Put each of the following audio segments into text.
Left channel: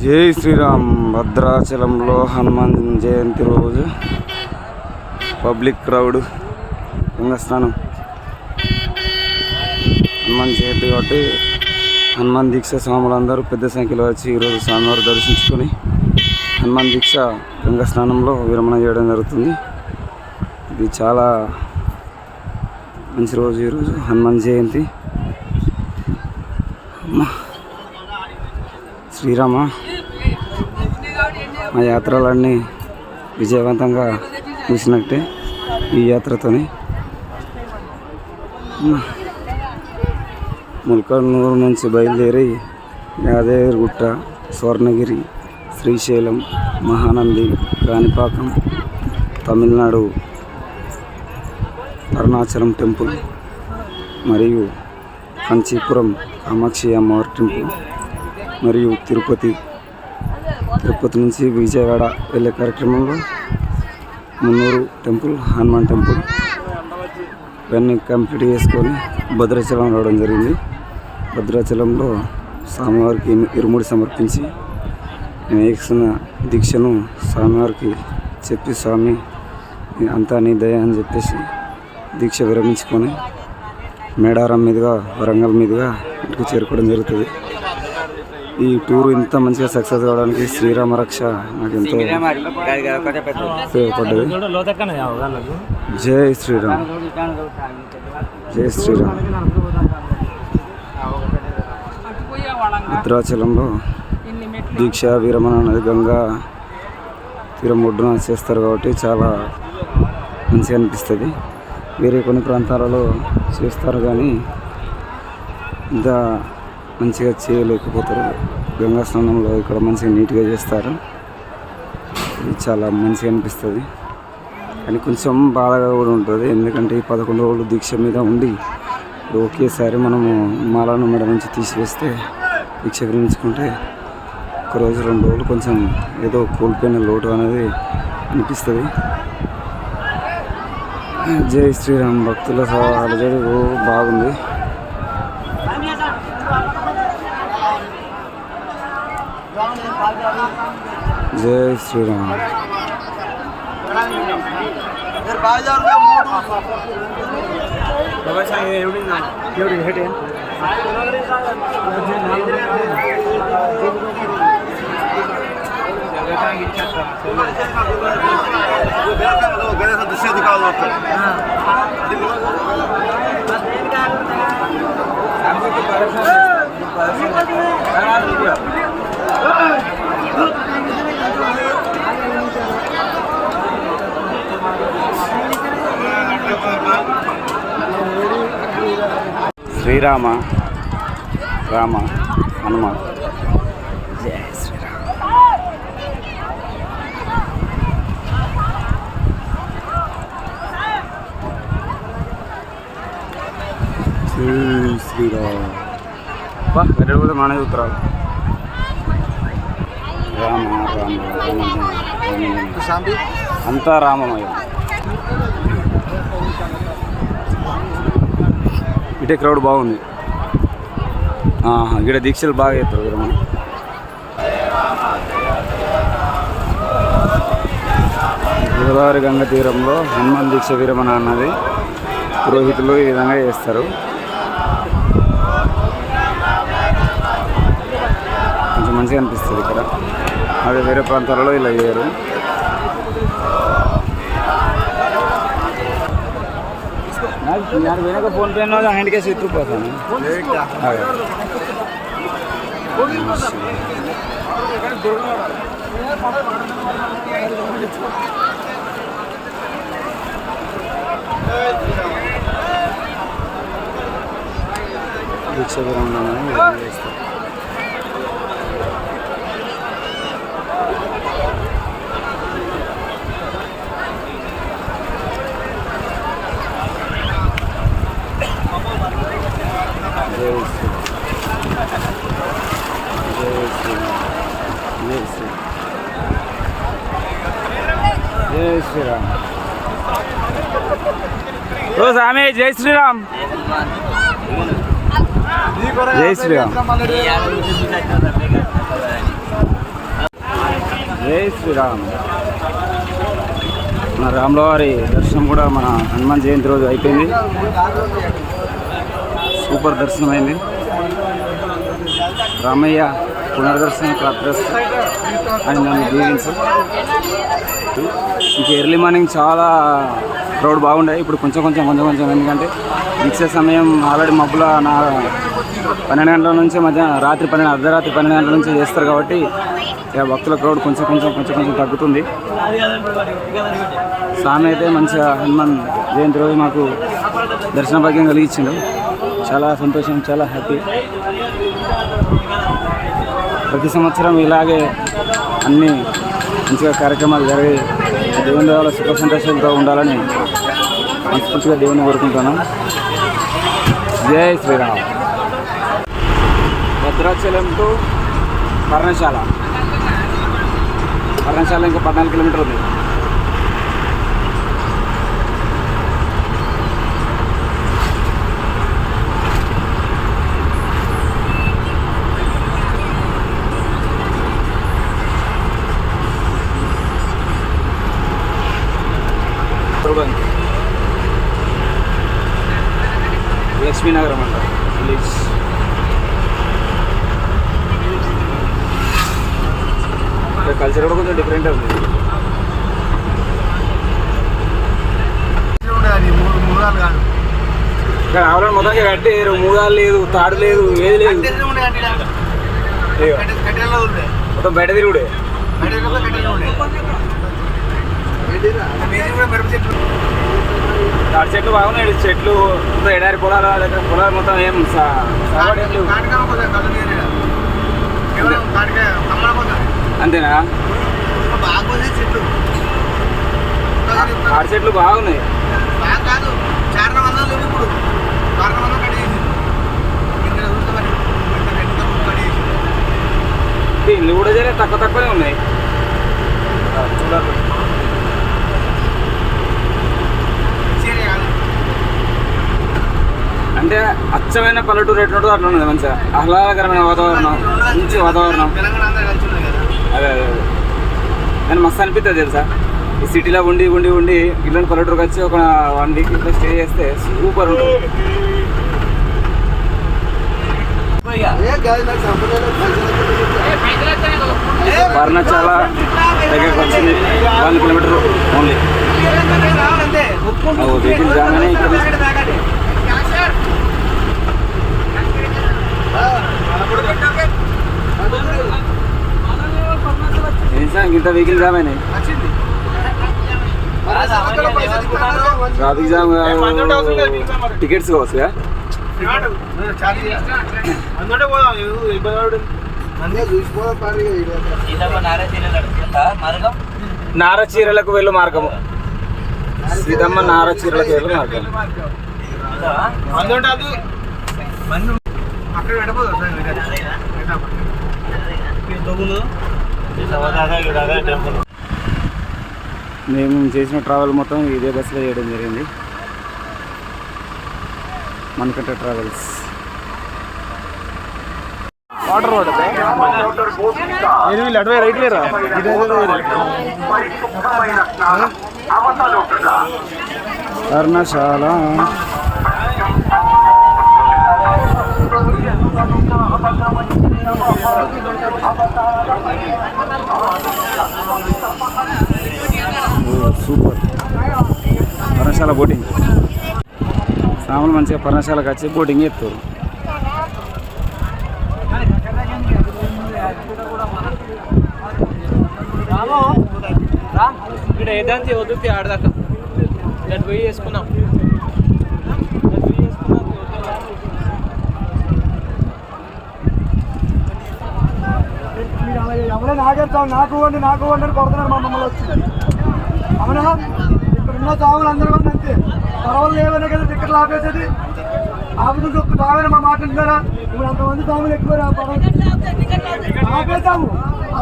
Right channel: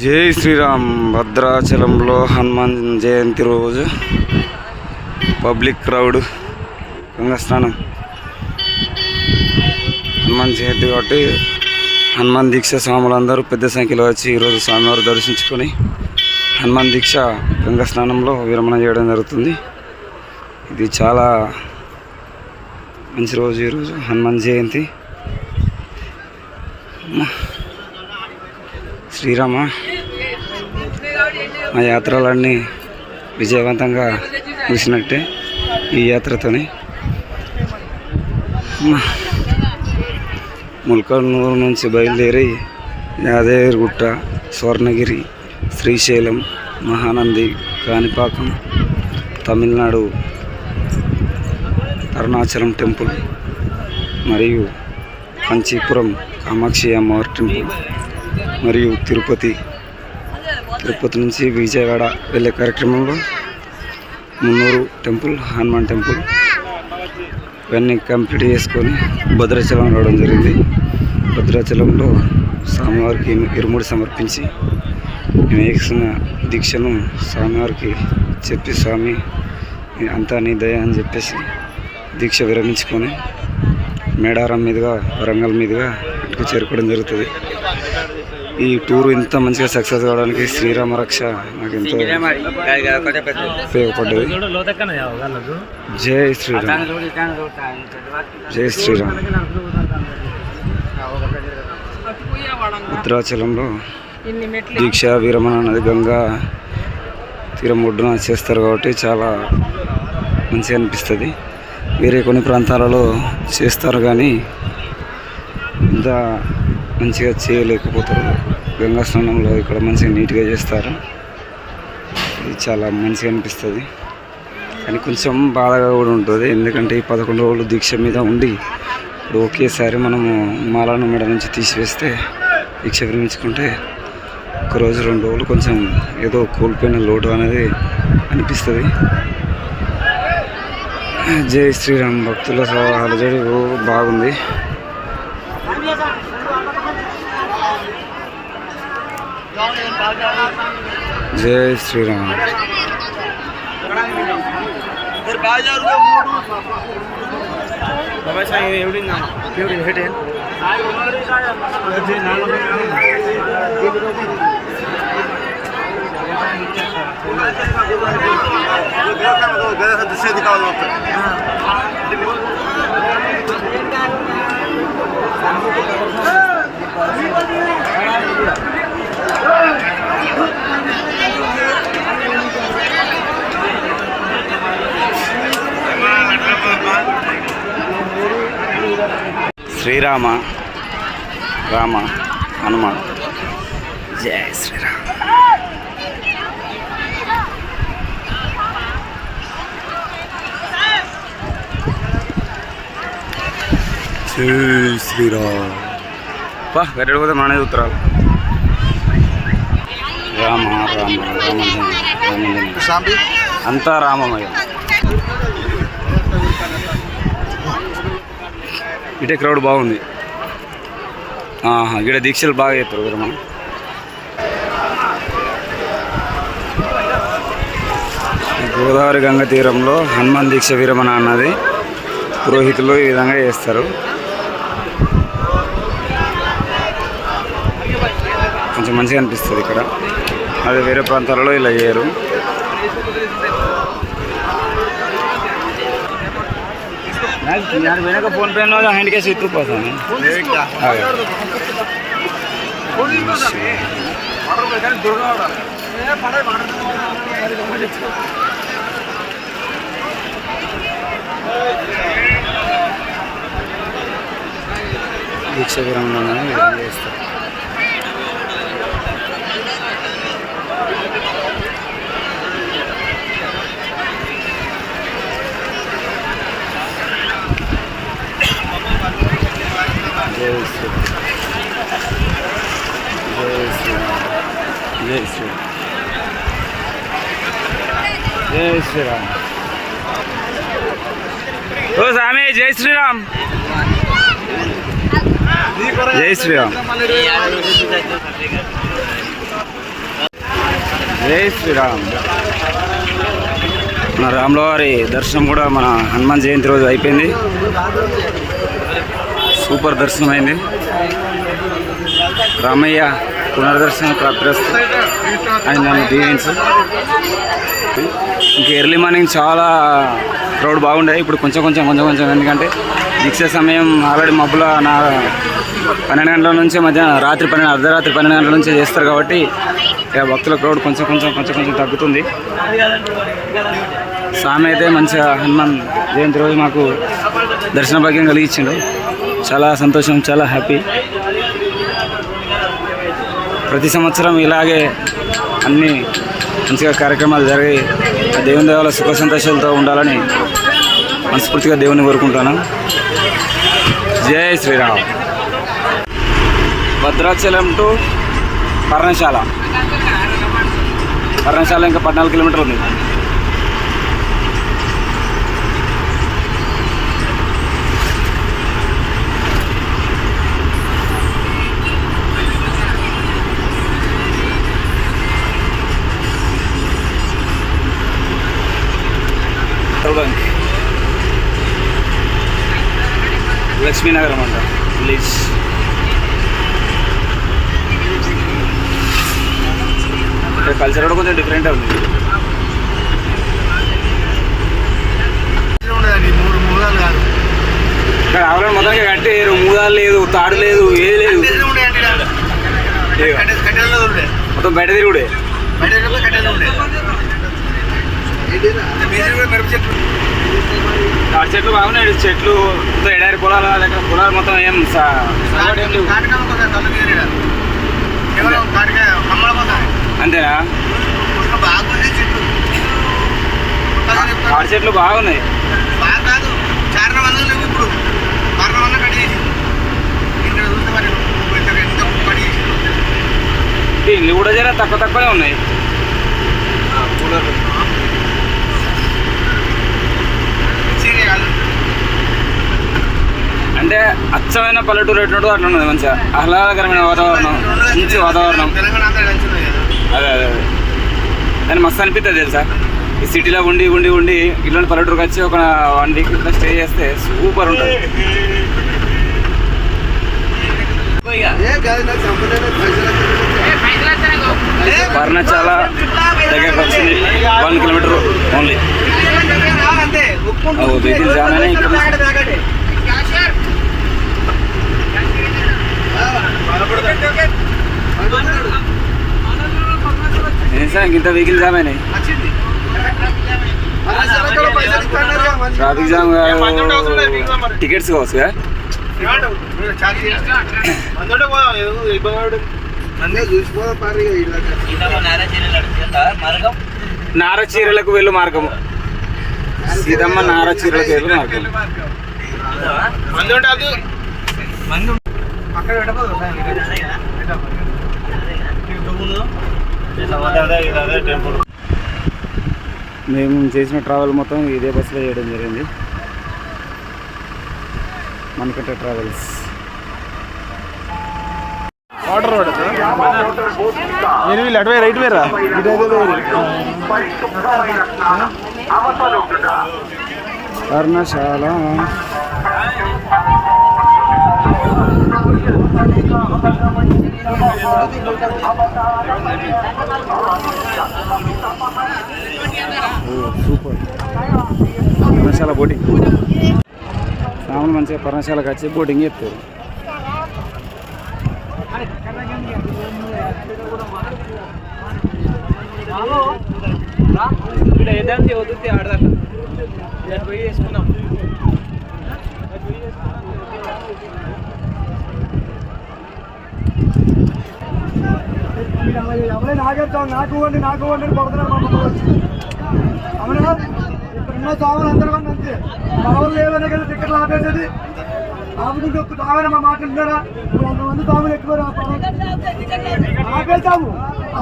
జై శ్రీరామ్. భద్రాచలంలో హనుమాన్ జయంతి రోజు పబ్లిక్ క్రౌడ్ గంగా స్నానం. హనుమాన్ జయంతి కాబట్టి హనుమాన్ దీక్ష స్వాములందరూ పెద్ద సంఖ్యలో వచ్చి ఈరోజు స్వామివారు దర్శించుకొని హనుమాన్ దీక్ష గంగా స్నానంలో విరమణ చేయడం జరుగుతుంది. ఇది చాలా మంచి రోజు ఈరోజు హనుమాన్ జయంతి. శ్రీరామ, మా యాత్రలన్నీ విజయవంతంగా ముగిసినట్టే ఈ యాత్రతోని. ముల్కనూరు నుంచి బయలుదేరి యాదగిరిగుట్ట, స్వర్ణగిరి, శ్రీశైలం, మహానంది, కాణిపాకం, తమిళనాడు అరుణాచలం టెంపుల్ మరియు కంచీపురం కామాక్షి అమ్మవారి టెంపుల్ మరియు తిరుపతి నుంచి విజయవాడ వెళ్ళే కార్యక్రమంలో మున్నూరు టెంపుల్, హనుమాన్ టెంపుల్ ఇవన్నీ కంప్లీట్ చేసుకొని భద్రాచలం రావడం జరిగింది. భద్రాచలంలో స్వామివారికి ఇరుముడి సమర్పించి నేను వేసిన దీక్షను స్వామివారికి చెప్పి, స్వామి అంతా నీ దయ అని చెప్పేసి దీక్ష విరమించుకొని మేడారం మీదుగా వరంగల్ మీదుగా ఇంటికి చేరుకోవడం జరుగుతుంది. ఈ టూరు ఇంత మంచిగా సక్సెస్ కావడానికి శ్రీరామ రక్ష నాకు ఎంతో ఉపయోగపడ్డది. జై శ్రీరామ్, జై శ్రీరామ్. భద్రాచలంలో దీక్ష విరమణ అనేది గంగా తీరం ఒడ్డున చేస్తారు కాబట్టి చాలా మంచిగా అనిపిస్తుంది. వేరే కొన్ని ప్రాంతాలలో చేస్తారు కానీ ఇంత మంచిగా చేయలేకపోతారు. గంగా స్నానంలో ఇక్కడ మంచిగా నీట్గా చేస్తారు. ఇది చాలా మంచిగా అనిపిస్తుంది. కానీ కొంచెం బాధగా కూడా ఉంటుంది. ఎందుకంటే ఈ 11 రోజులు దీక్ష మీద ఉండి ఇప్పుడు ఒకేసారి మనము మాలను మెడ నుంచి తీసివేస్తే దీక్ష విరమించుకుంటే 1 రోజు 2 రోజులు కొంచెం ఏదో కోల్పోయిన లోటు అనేది అనిపిస్తుంది. జై శ్రీరామ్. భక్తుల అలజడి బాగుంది. జై శ్రీరామ్. శ్రీరామ, రామ, హనుమ. జై శ్రీరామ్. జై శ్రీరామ్. వెరడు పోతే మన ఉత్తరాలు. రామ రామ రామ అంతా రామమయం. ఇటే క్రౌడ్ బాగుంది. ఇక్కడ దీక్షలు బాగా చేస్తారు కదా మనం. గోదావరి గంగ తీరంలో హనుమాన్ దీక్ష విరమణ అన్నది పురోహితులు ఈ విధంగా చేస్తారు. కొంచెం మంచిగా అనిపిస్తుంది ఇక్కడ. అదే వేరే ప్రాంతాలలో ఇలా చేయరు. వెనక ఫోన్ పే హ్యాండ్ క్యాష్ ఇట్టుకుపోతాను. దీక్ష విరమణ చేస్తారు. జై శ్రీరామ్, జై శ్రీరామ్, జై శ్రీరామ్, జై శ్రీరామ్. ఓ స్వామి జై శ్రీరామ్. జై శ్రీరామ్. జై శ్రీరామ్. మన రాములవారి దర్శనం కూడా మన హనుమాన్ జయంతి రోజు అయిపోయింది. సూపర్ దర్శనం అయింది. రామయ్య పునర్దర్శన ప్రాప్తిరస్తు ఆయన నన్ను దీవించు. ఇంక ఎర్లీ మార్నింగ్ చాలా క్రౌడ్ బాగుండే. ఇప్పుడు కొంచెం ఎందుకంటే దీక్ష సమయం ఆల్రెడీ మబ్బుల 12 గంటల నుంచి అర్ధరాత్రి 12 గంటల నుంచి చేస్తారు కాబట్టి ఇక భక్తుల క్రౌడ్ కొంచెం తగ్గుతుంది. స్వామి అయితే మంచిగా హనుమాన్ జయంతి రోజు మాకు దర్శన భాగ్యం కలిగించిండు. చాలా సంతోషం, చాలా హ్యాపీ. ప్రతి సంవత్సరం ఇలాగే అన్ని మంచిగా కార్యక్రమాలు జరిగి దేవుని దేవాల సుఖ సంతోషాలతో ఉండాలని మనస్ఫూర్తిగా దేవుని కోరుకుంటాను. జై శ్రీరామ్. భద్రాచలం టు పర్ణశాల ఇంకా 14 కిలోమీటర్లు ఉంది. లక్ష్మీనగరం అంట విలేజ్. కల్చర్ కూడా కొంచెం డిఫరెంట్ ఉంది. ఇక్కడ ఆవులను మొత్తానికి కట్టి మూదాలు లేదు, తాడు లేదు, ఏది లేదు. మొత్తం బయట తిరుగుడే. తాడి చెట్లు బాగున్నాయి. చెట్లు మొత్తం ఎడారి పొలాలు దగ్గర పొలాలు మొత్తం ఏం సవాడు ఏం లేవు. అంతేనా? తాడి చెట్లు బాగున్నాయి. ఇల్లు కూడా జర తక్కువనే ఉన్నాయి. అంటే అచ్చమైన పల్లెటూరు ఎట్లుంటుందో అట్లా ఉన్నది. మంచిగా ఆహ్లాదకరమైన వాతావరణం, మంచి వాతావరణం. అదే దాన్ని మస్తు అనిపిస్తుంది తెలుసా. ఈ సిటీలో ఉండి ఇల్లు పల్లెటూరుకి వచ్చి ఒక 1 వీక్ ఇట్లా స్టే చేస్తే సూపర్ ఉంటుంది. పర్ణశాల దగ్గరకు వచ్చింది. 1 కిలోమీటర్ ఓన్లీ. వెహికల్ జామ్ అయినా ఇక్కడ ఇంత వెహికల్ జామ్ అయినాయి. ట్రాఫిక్ జామ్ టికెట్స్ కావచ్చు. నారచీరలకు వెళ్ళు మార్గము. సీతమ్మ నారచీరలకు వెళ్ళు మార్గం. మేము చేసిన ట్రావెల్ మొత్తం ఇదే బస్సులో చేయడం జరిగింది. మణికంఠ ట్రావెల్స్. పర్ణశాల సూపర్. పర్ణశాల బోటింగ్. సామాన్లు మంచిగా పర్ణశాలకు వచ్చి బోటింగ్ చేస్తారు. ఏదంటే వద్దు ఆడదాకా పోయి వేసుకున్నాం. ఎవరైనా ఆగేస్తాం. నాకు వండి కొడుతున్నారు మా మమ్మల్ని వచ్చి. అవునా? ఇక్కడ ఉన్న సాములు అందరూ కూడా అంతే. పడవలు లేవనే కదా టికెట్లు ఆపేసేది. ఆపుతుంటే ఒక్క సామైనా మా మాట వింటారా? ఇప్పుడు అంతమంది సాములు ఎక్కువ ఆపేస్తాము.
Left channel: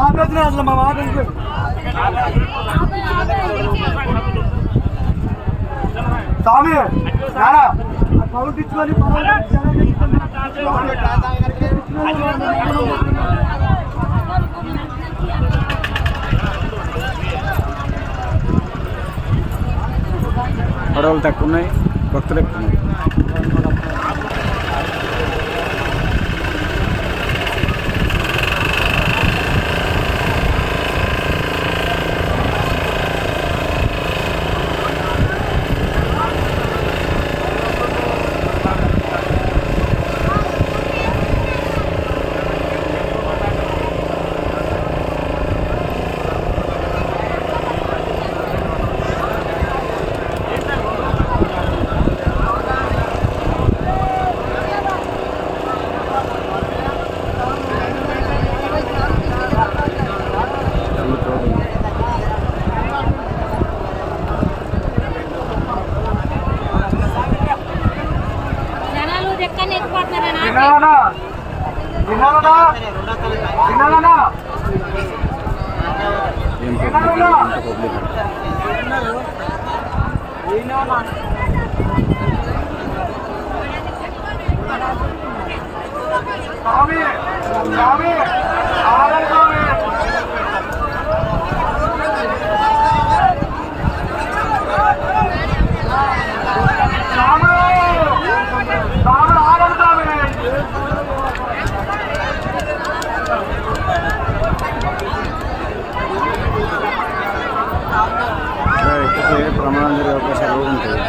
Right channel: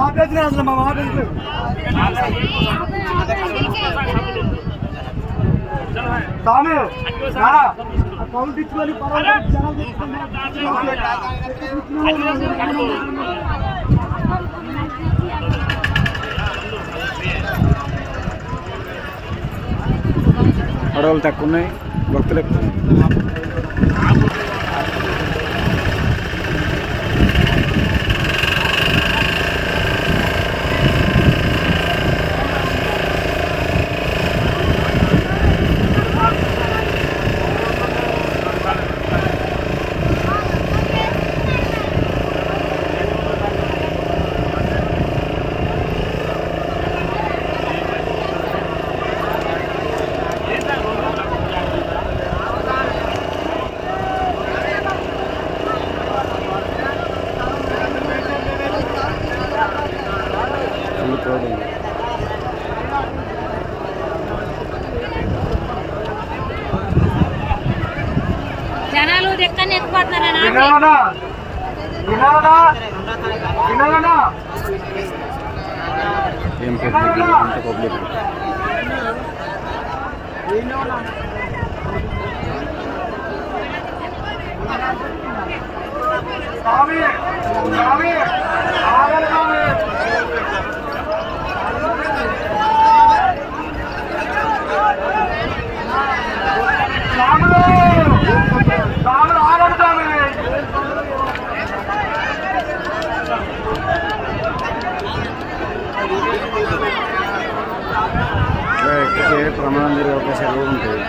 ఆపేసినా అసలు మా మాట వింటారు. స్వామి కౌలు ఇచ్చుకొని పడవలు తక్కువ ఉన్నాయి, భక్తులు ఎక్కువ ఉన్నారు. జనాలు ఎక్కడ ఎక్కుపడుతున్నారా? ఏం పబ్లిక్, ఎంత పబ్లిక్. ఎక్కితే ప్రమాదం జరిగే అవకాశాలు కూడా ఉంటాయి.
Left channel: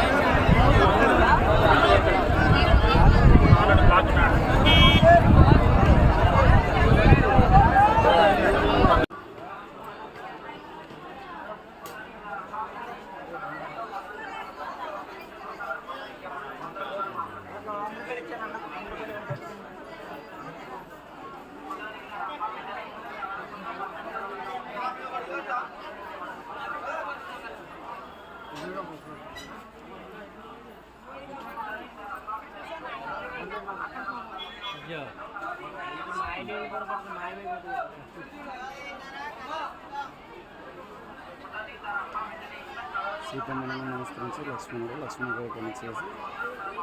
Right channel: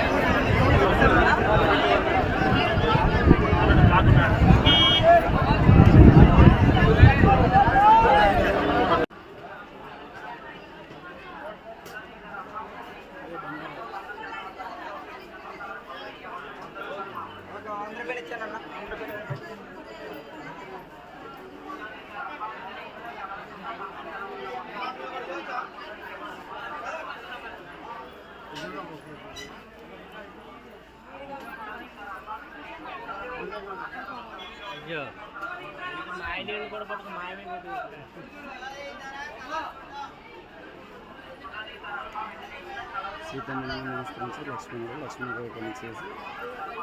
సీతమ్మను నమస్కరించి లక్ష్మణుడు చేసి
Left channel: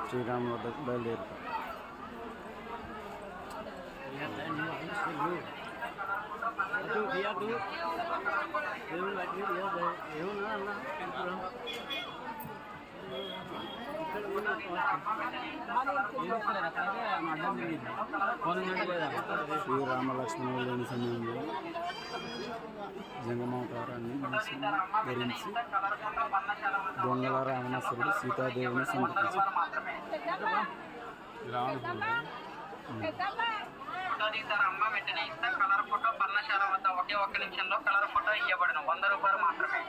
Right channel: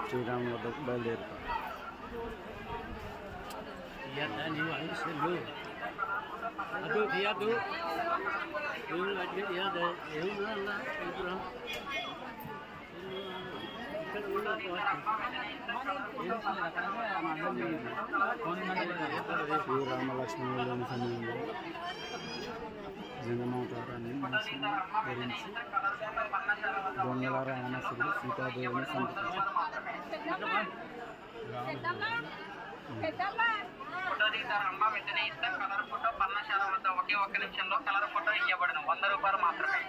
శ్రీరాముల వద్దకు బయలుదేరుతారు. శ్రీరామ లక్ష్మణుడు లేని సమయంలో జంగమవతారాన్ని ధరించి దొంగల రావణాసురుడు సీతాదేవిని సంతరించారు. వెంటనే ఇస్తా కలర్ ఫోటో పర్ణశాల వద్ద ఒకే ఒక్క నిమిషంలో కలర్ ఫోటో ఇవ్వబడను. 100 రూపాయలు మాత్రమే.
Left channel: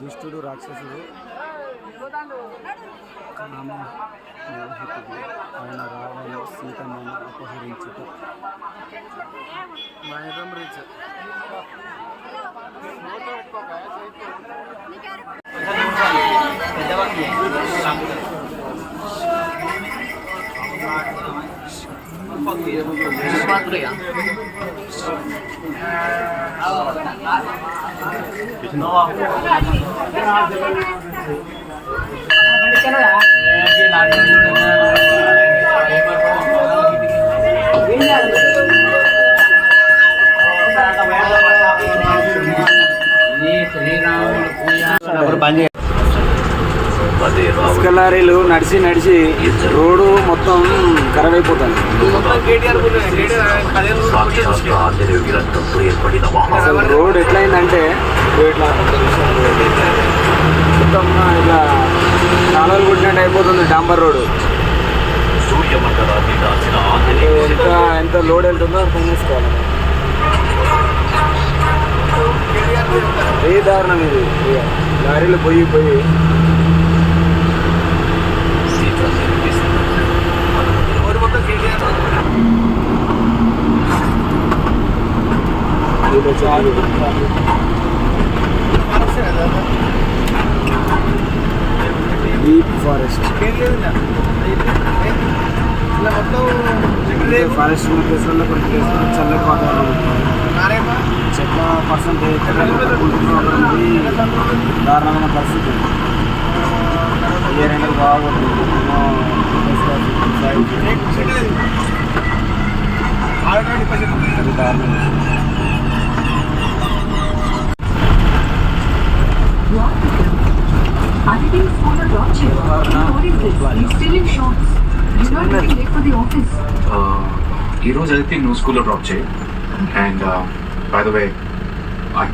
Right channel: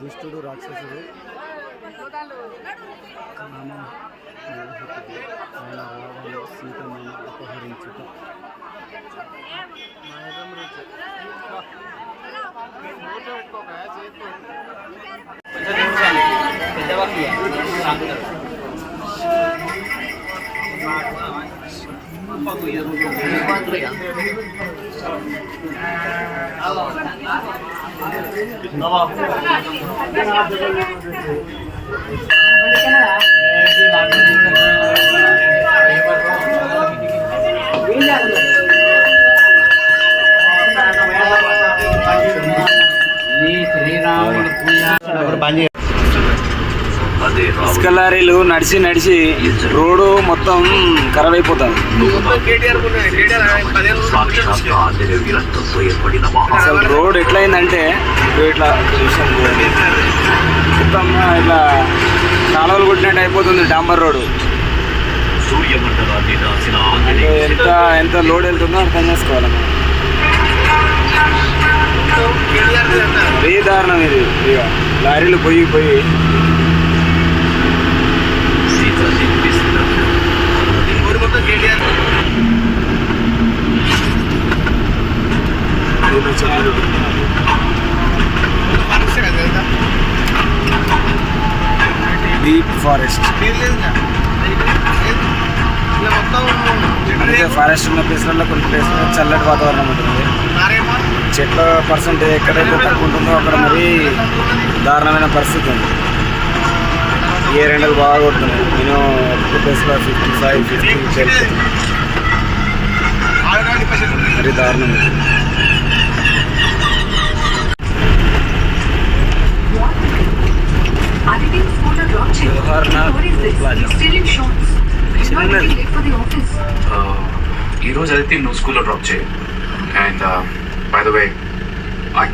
దుష్టుడు రాక్షసుడు కామమోహితుడు ఆయన రావణుడు సీతమ్మను అపహరించుట. ఇసుక లారీలు నడిచి నడిచి రోడ్డు మొత్తం ఖరాబ్ అయిపోతుంది. అసలు రోడ్ ఎట్లయిందంటే ఇట్లా మొత్తం ఇట్లా కాలువలు కొట్టినట్టు అయిపోతుంది. డాంబర్ రోడ్డు ఎంత ఎంత లోడ్ వెళ్తుందో అర్థం చేసుకోవాలి. ఏ దారుణం ఇది. ఇక లారీలు పోయి చాలు డీప్ ఫారెస్ట్. ఫారెస్ట్ ఉన్న ప్లేస్లలో కొన్ని ప్లేస్లో చల్లటి వాతావరణం ఉంటుంది. చెట్ల పర్సెంటేజ్ ఎక్కడైతే తక్కువ ఉంటుందో అక్కడ మరీ దారుణమైన పరిస్థితి ఉంది. ఏ ఎండలు బాగా కొడుతున్నాయి. నేను 55 మరీ దారుణం. ఈ రోజు అయితే నువ్వు స్కూల్లో డ్రాప్ చేయి. And by the way I